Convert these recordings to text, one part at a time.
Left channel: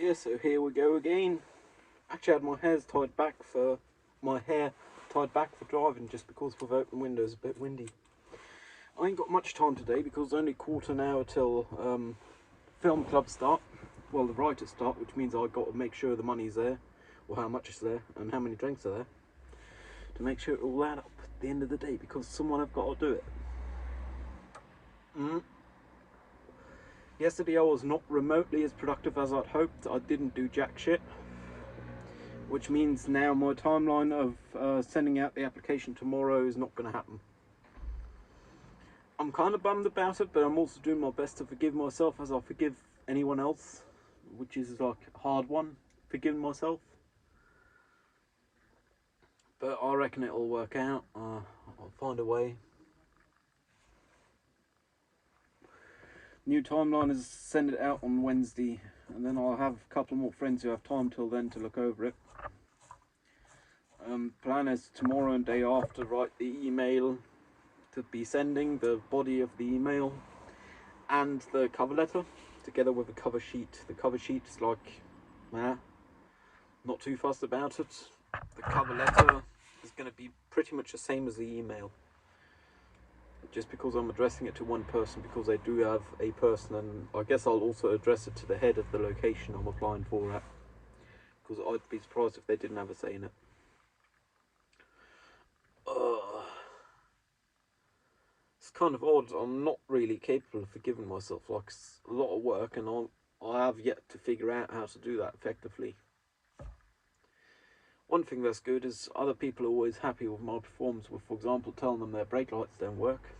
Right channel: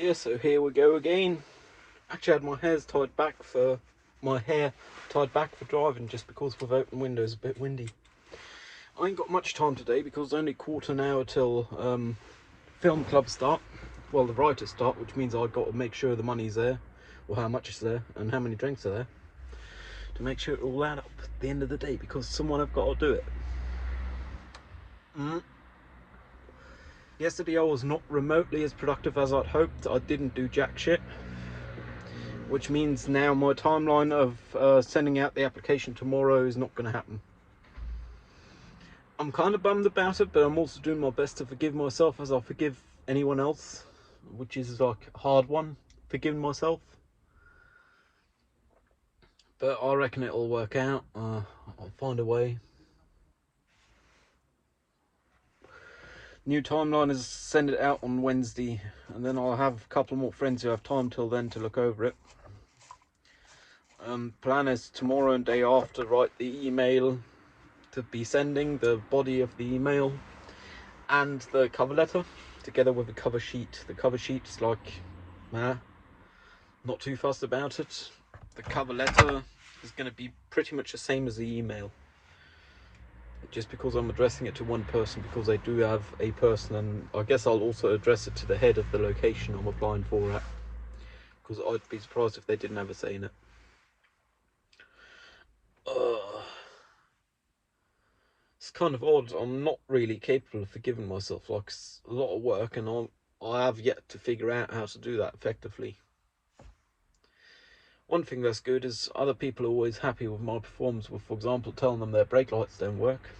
Yeah, so here we go again. Actually, I had my hair tied back for driving just because with open windows, a bit windy. I ain't got much time today because it's only quarter an hour till film club start. Well, the writers start, which means I've got to make sure the money's there, or how much is there, and how many drinks are there, to make sure it all add up at the end of the day. Because someone have got to do it. Yesterday I was not remotely as productive as I'd hoped. I didn't do jack shit, which means now my timeline of sending out the application tomorrow is not going to happen. I'm kind of bummed about it, but I'm also doing my best to forgive myself as I forgive anyone else, which is like a hard one, forgiving myself. But I reckon it'll work out. I'll find a way. New timeline is send it out on Wednesday, and then I'll have a couple more friends who have time till then to look over it. Plan is tomorrow and day after write the email to be sending, the body of the email, and the cover letter, together with the cover sheet. The cover sheet is like, not too fussed about it. The cover letter is going to be pretty much the same as the email. Just because I'm addressing it to one person, because they do have a person, and I guess I'll also address it to the head of the location I'm applying for at, because I'd be surprised if they didn't have a say in it. It's kind of odd. I'm not really capable of forgiving myself. Like, it's a lot of work, and I have yet to figure out how to do that effectively. One thing that's good is other people are always happy with my performance with, for example, telling them their brake lights don't work.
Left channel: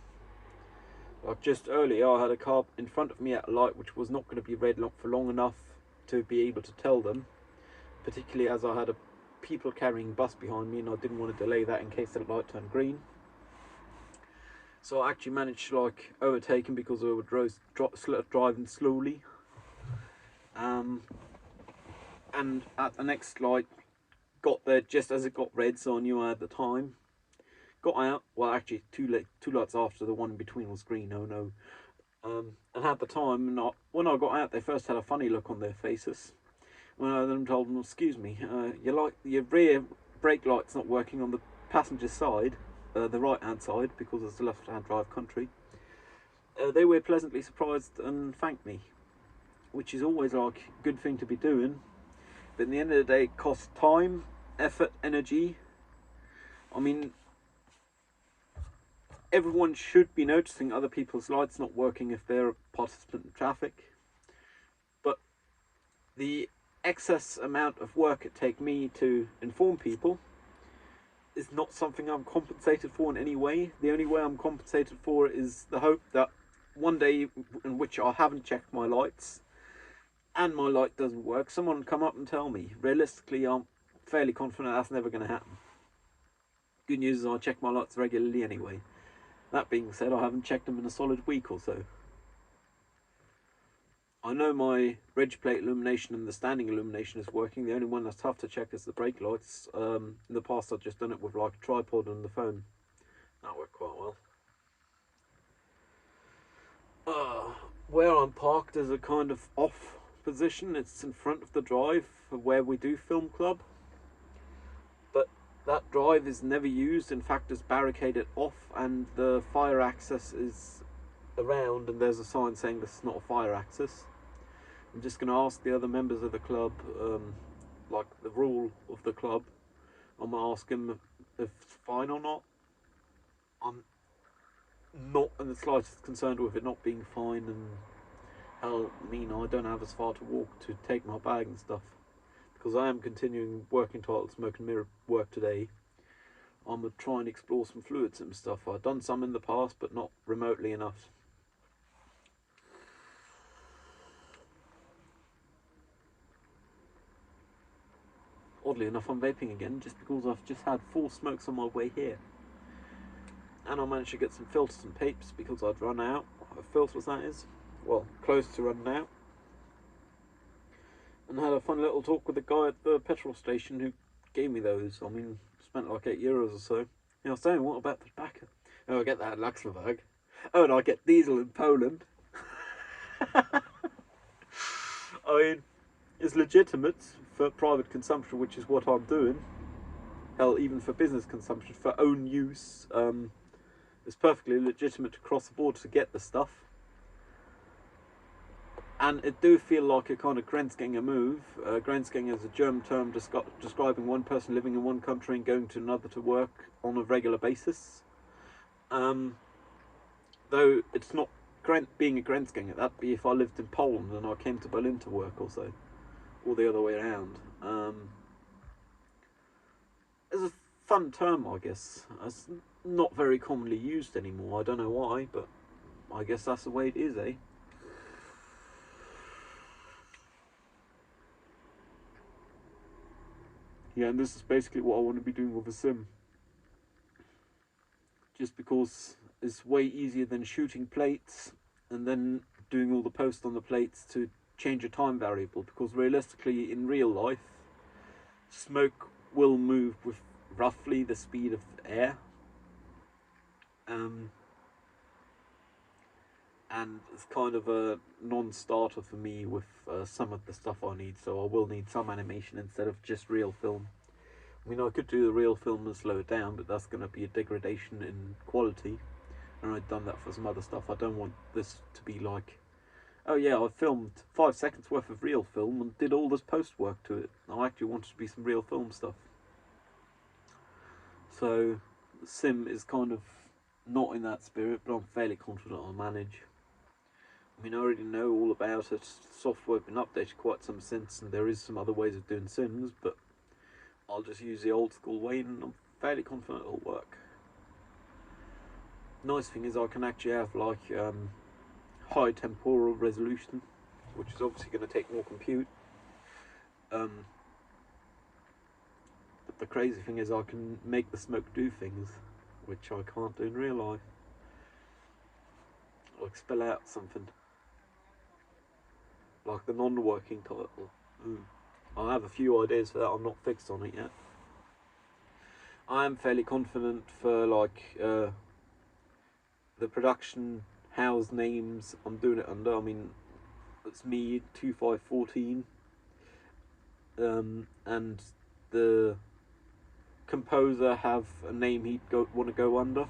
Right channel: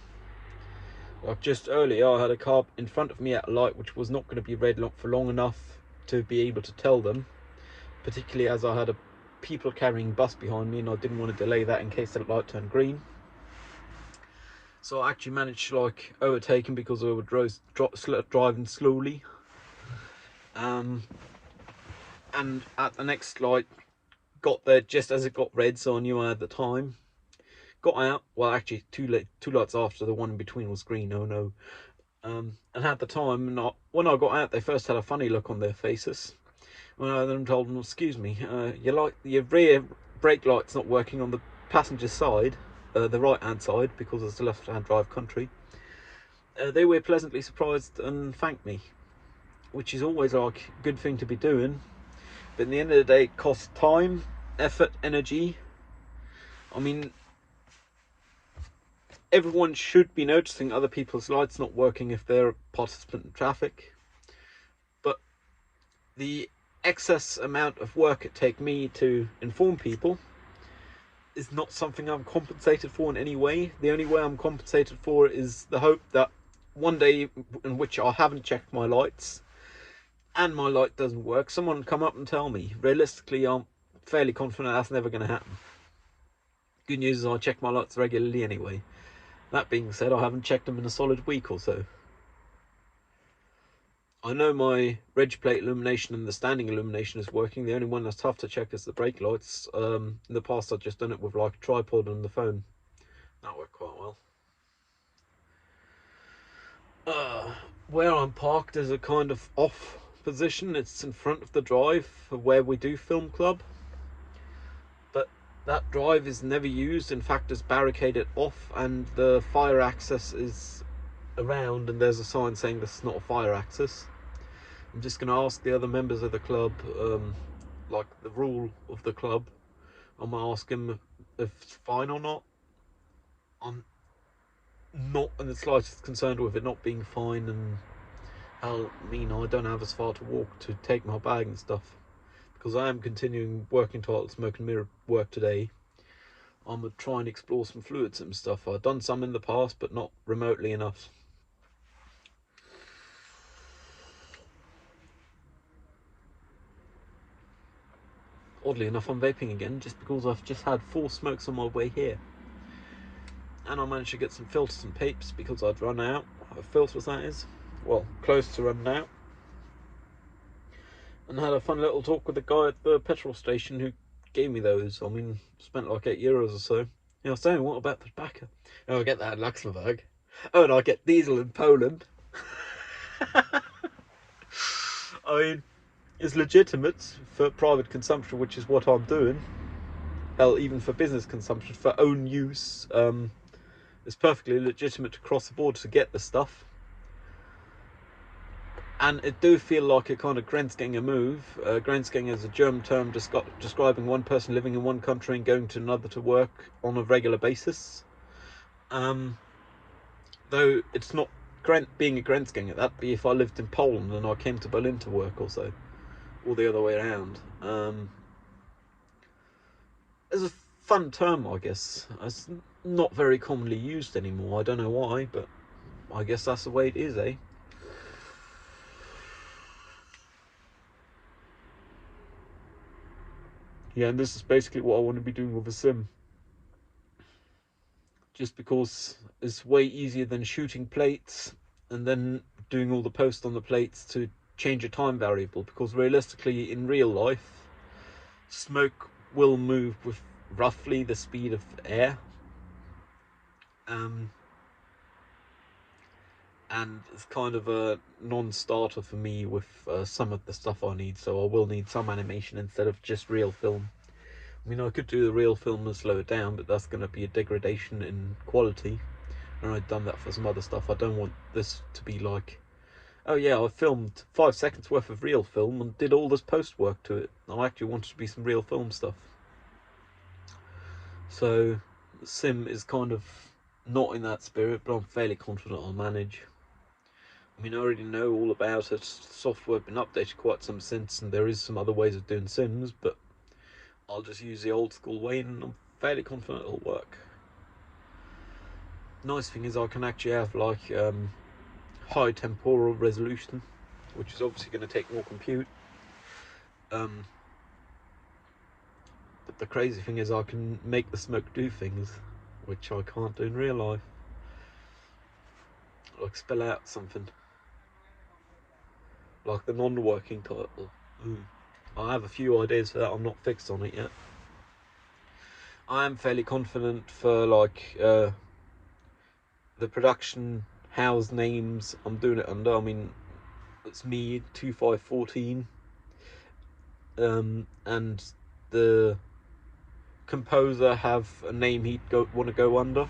Like just earlier, I had a car in front of me at a light which was not going to be red for long enough to be able to tell them, particularly as I had a people carrying bus behind me and I didn't want to delay that in case the light turned green. So I actually managed to like overtake him because I was driving slowly. And at the next light, got there just as it got red, so I knew I had the time. Got out, well actually two lights after, the one in between was green, oh no. And had the time, and when I got out they first had a funny look on their faces. When I then told them, excuse me, your rear brake light's not working on the passenger side, the right hand side, because it's the left hand drive country. They were pleasantly surprised and thanked me, which is always like a good thing to be doing. But in the end of the day, it costs time, effort, energy. I mean, everyone should be noticing other people's lights not working if they're a participant in traffic. But the excess amount of work it takes me to inform people is not something I'm compensated for in any way. The only way I'm compensated for is the hope that one day in which I haven't checked my lights and my light doesn't work, someone will come up and tell me. Realistically, I'm fairly confident that's never going to happen. Good news is I check my lights regularly anyway. That being said, I haven't checked them in a solid week or so. I know my reg plate illumination and the standing illumination is working. The only one that's tough to check is the brake lights. In the past I've just done it with like a tripod and the phone. That worked quite well. Where I'm parked is a kind of off position. It's in front of the drive for where we do film club. But that drive is never used. In fact, it's barricaded off and the fire access is around, and there's a sign saying this is not a fire access. I'm just going to ask the other members of the club, like the rule of the club. I'm going to ask them if it's fine or not. I'm not in the slightest concerned with it not being fine, and hell, I don't have as far to walk to take my bag and stuff. Because I am continuing working toilet smoke and mirror work today. I'm going to try and explore some fluids and stuff. I've done some in the past, but not remotely enough. Oddly enough, I'm vaping again just because I've just had 4 smokes on my way here. And I managed to get some filters and papes because I'd run out of filters, that is. Well, close to running out. And had a fun little talk with the guy at the petrol station who gave me those. I mean, spent like €8 or so. I was saying, what about the tobacco? Oh, I get that in Luxembourg. Oh, and I get diesel in Poland. I mean, is legitimate for private consumption, which is what I'm doing. Hell, even for business consumption, for own use, it's perfectly legitimate to cross the border to get the stuff. And it do feel like a kind of Grenzgänger move. Grenzgänger is a German term describing one person living in one country and going to another to work on a regular basis. Though it's not being a Grenzgänger. That'd be if I lived in Poland and I came to Berlin to work, or so, or the other way around. It's a fun term, I guess. It's not very commonly used anymore. I don't know why, but I guess that's the way it is, eh? Yeah, and this is basically what I want to be doing with a sim. Just because it's way easier than shooting plates and then doing all the post on the plates to change a time variable, because realistically in real life smoke will move with roughly the speed of air, and it's kind of a non-starter for me with some of the stuff I need, so I will need some animation instead of just real film. I mean, I could do the real film and slow it down, but that's going to be a degradation in quality, and I've done that for some other stuff. I don't want this to be like, oh yeah, I filmed 5 seconds worth of real film and did all this post work to it. I actually want it to be some real film stuff. So Sim is kind of not in that spirit, but I'm fairly confident I'll manage. I mean, I already know all about it. The software has been updated quite some since, and there is some other ways of doing Sims, but I'll just use the old school way, and I'm fairly confident it'll work. Nice thing is I can actually have like high temporal resolution, which is obviously going to take more compute. But the crazy thing is I can make the smoke do things which I can't do in real life. Like spell out something. Like the non-working title. I have a few ideas for that. I'm not fixed on it yet. I am fairly confident for like the production house names I'm doing it under. I mean, it's me 2514, and the composer have a name he'd want to go under.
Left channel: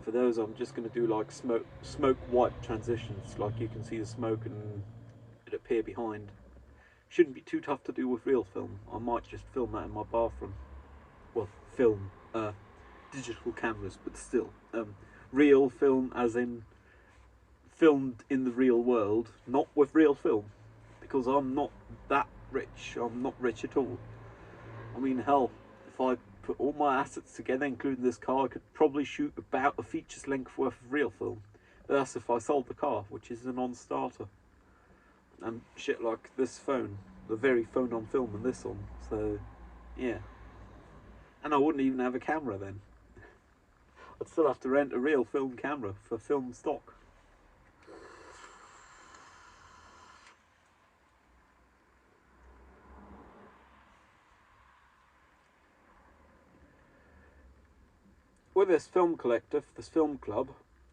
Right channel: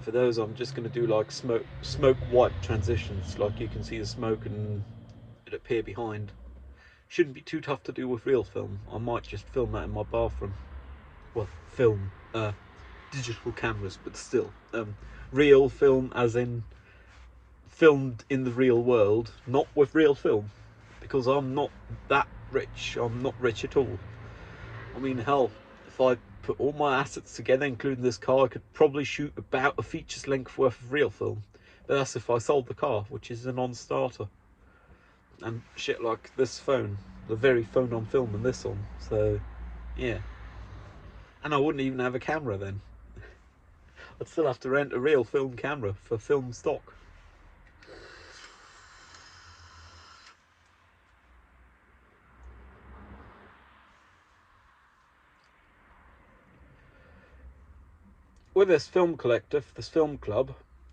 For those, I'm just going to do like smoke wipe transitions, like you can see the smoke and it appear behind. Shouldn't be too tough to do with real film. I might just film that in my bathroom. Well, film, digital cameras, but still, real film as in filmed in the real world, not with real film, because I'm not that rich. I'm not rich at all. I mean, hell, if I put all my assets together, including this car, I could probably shoot about a feature's length worth of real film. But that's if I sold the car, which is a non-starter. And shit like this phone, the very phone I'm filming this on. So, yeah. And I wouldn't even have a camera then. I'd still have to rent a real film camera for film stock. With this film collective, this film club,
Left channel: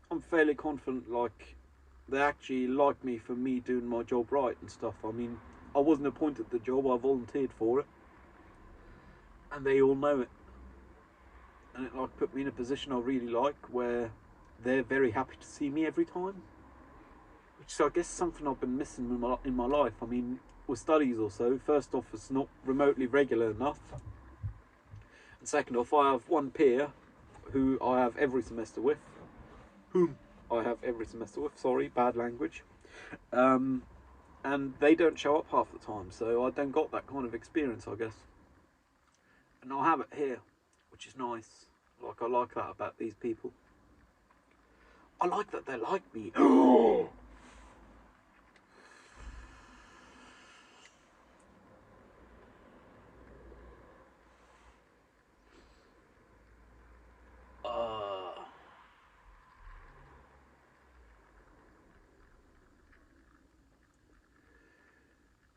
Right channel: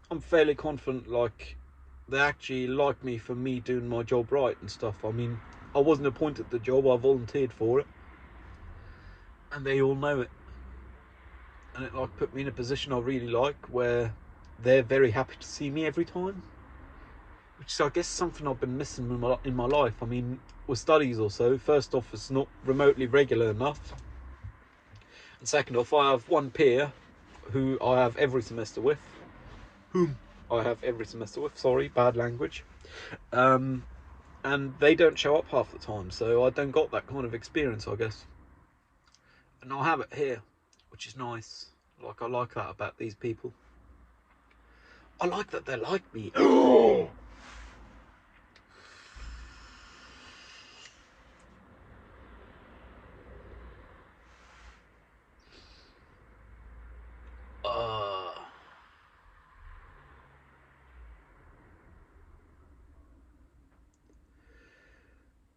I'm fairly confident like they actually like me for me doing my job right and stuff. I mean, I wasn't appointed the job, I volunteered for it. And they all know it. And it like put me in a position I really like where they're very happy to see me every time. Which is I guess something I've been missing in my life. I mean, with studies or so, first off it's not remotely regular enough. And second off, I have one peer who I have every semester with. Whom I have every semester with, sorry, bad language. And they don't show up half the time, so I don't got that kind of experience, I guess. And I have it here, which is nice. Like, I like that about these people. I like that they're like me. uh,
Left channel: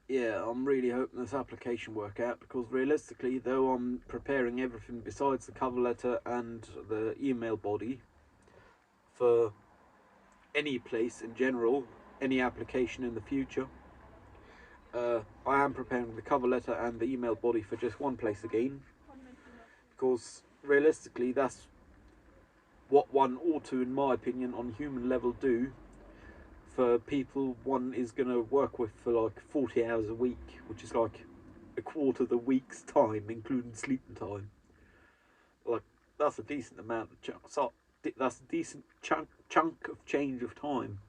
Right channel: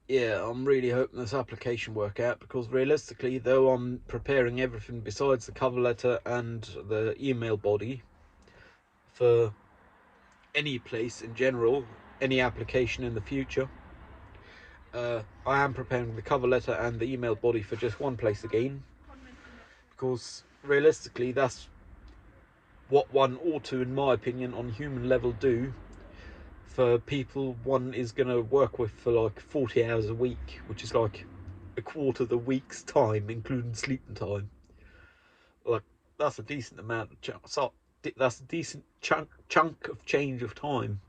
yeah, I'm really hoping this application work out, because realistically, though I'm preparing everything besides the cover letter and the email body for any place in general, any application in the future, I am preparing the cover letter and the email body for just one place again, because realistically that's what one ought to, in my opinion, on human level do for people one is going to work with for like 40 hours a week, which is like a quarter of the week's time, including sleeping time. Like, that's a decent amount of chunk. So that's a decent chunk of change of time.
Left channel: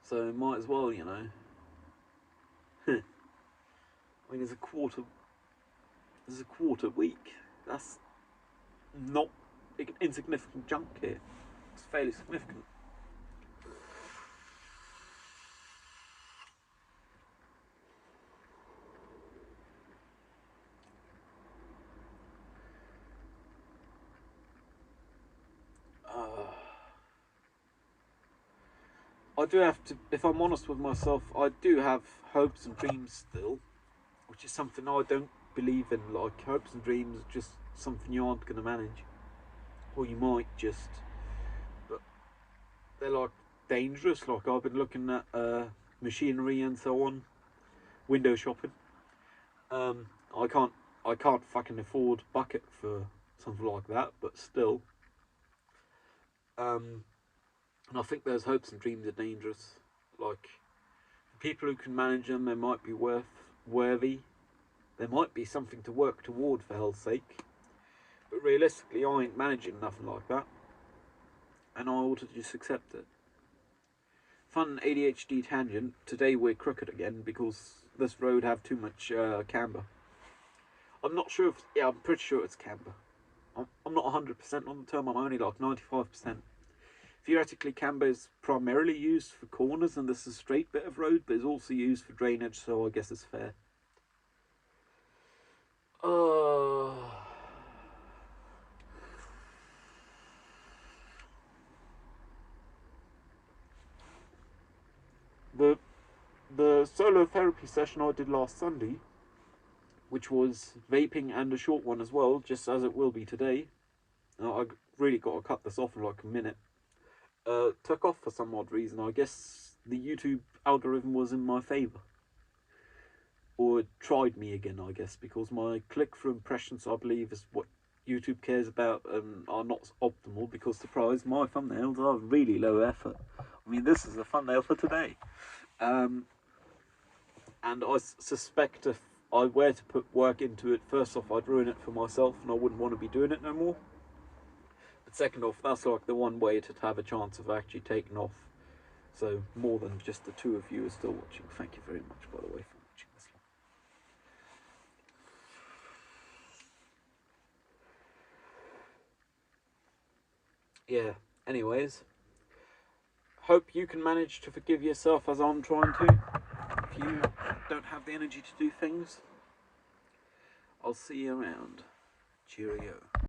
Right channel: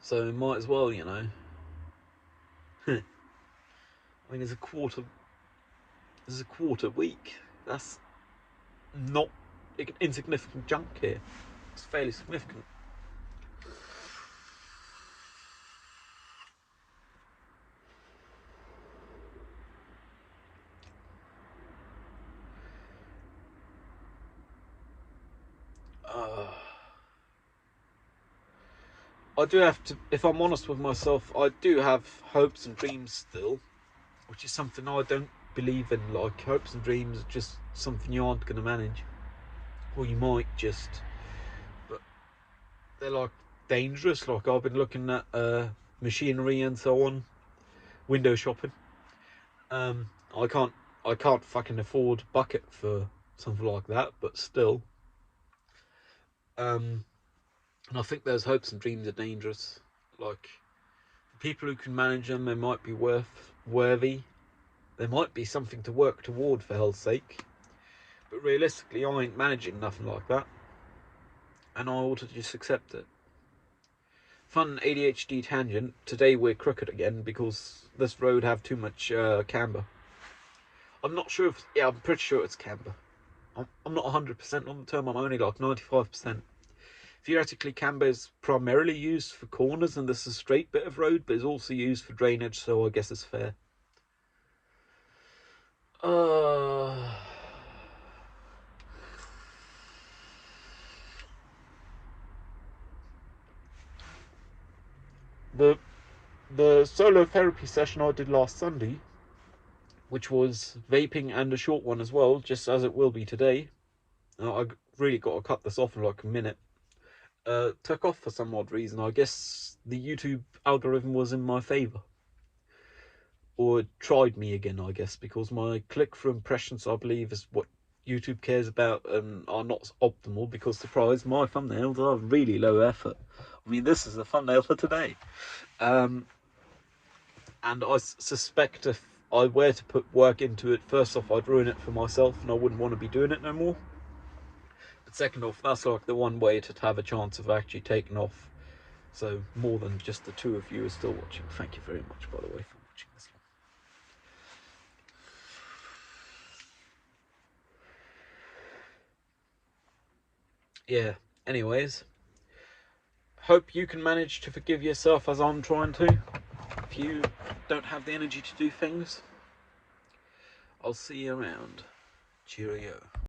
So might as well, you know. I mean, there's a quarter. There's a quarter week. That's not an insignificant chunk here. It's fairly significant. I do have to, if I'm honest with myself, I do have hopes and dreams still, which is something I don't believe in. Like, hopes and dreams are just something you aren't going to manage, or you might just, but they're like dangerous. Like, I've been looking at machinery and so on, window shopping. I can't fucking afford bucket for something like that, but still. And I think those hopes and dreams are dangerous. Like, people who can manage them, they might be worthy. There might be something to work toward, for hell's sake. But realistically, I ain't managing nothing like that, and I ought to just accept it. Fun ADHD tangent. Today we're crooked again because this road have too much camber. I'm not sure if... Yeah, I'm pretty sure it's camber. I'm not 100% on the term, I'm only like 95%. Theoretically, camber is primarily used for corners and this is a straight bit of road, but it's also used for drainage, so I guess it's fair. The solo therapy session I did last Sunday, which was vaping and a short one as well, just as it will be today. I really got to cut this off in like a minute. Took off for some odd reason. I guess the YouTube algorithm was in my favour. Or it tried me again, I guess, because my click-through impressions, I believe, is what YouTube cares about and are not optimal, because, surprise, my thumbnails are really low effort. I mean, this is the thumbnail for today. And I suspect if I were to put work into it, first off, I'd ruin it for myself and I wouldn't want to be doing it no more. But second off, that's like the one way to have a chance of actually taking off. So more than just the two of you are still watching. Thank you very much, by the way, for watching this long. Yeah, anyways. Hope you can manage to forgive yourself as I'm trying to. If you don't have the energy to do things, I'll see you around. Cheerio.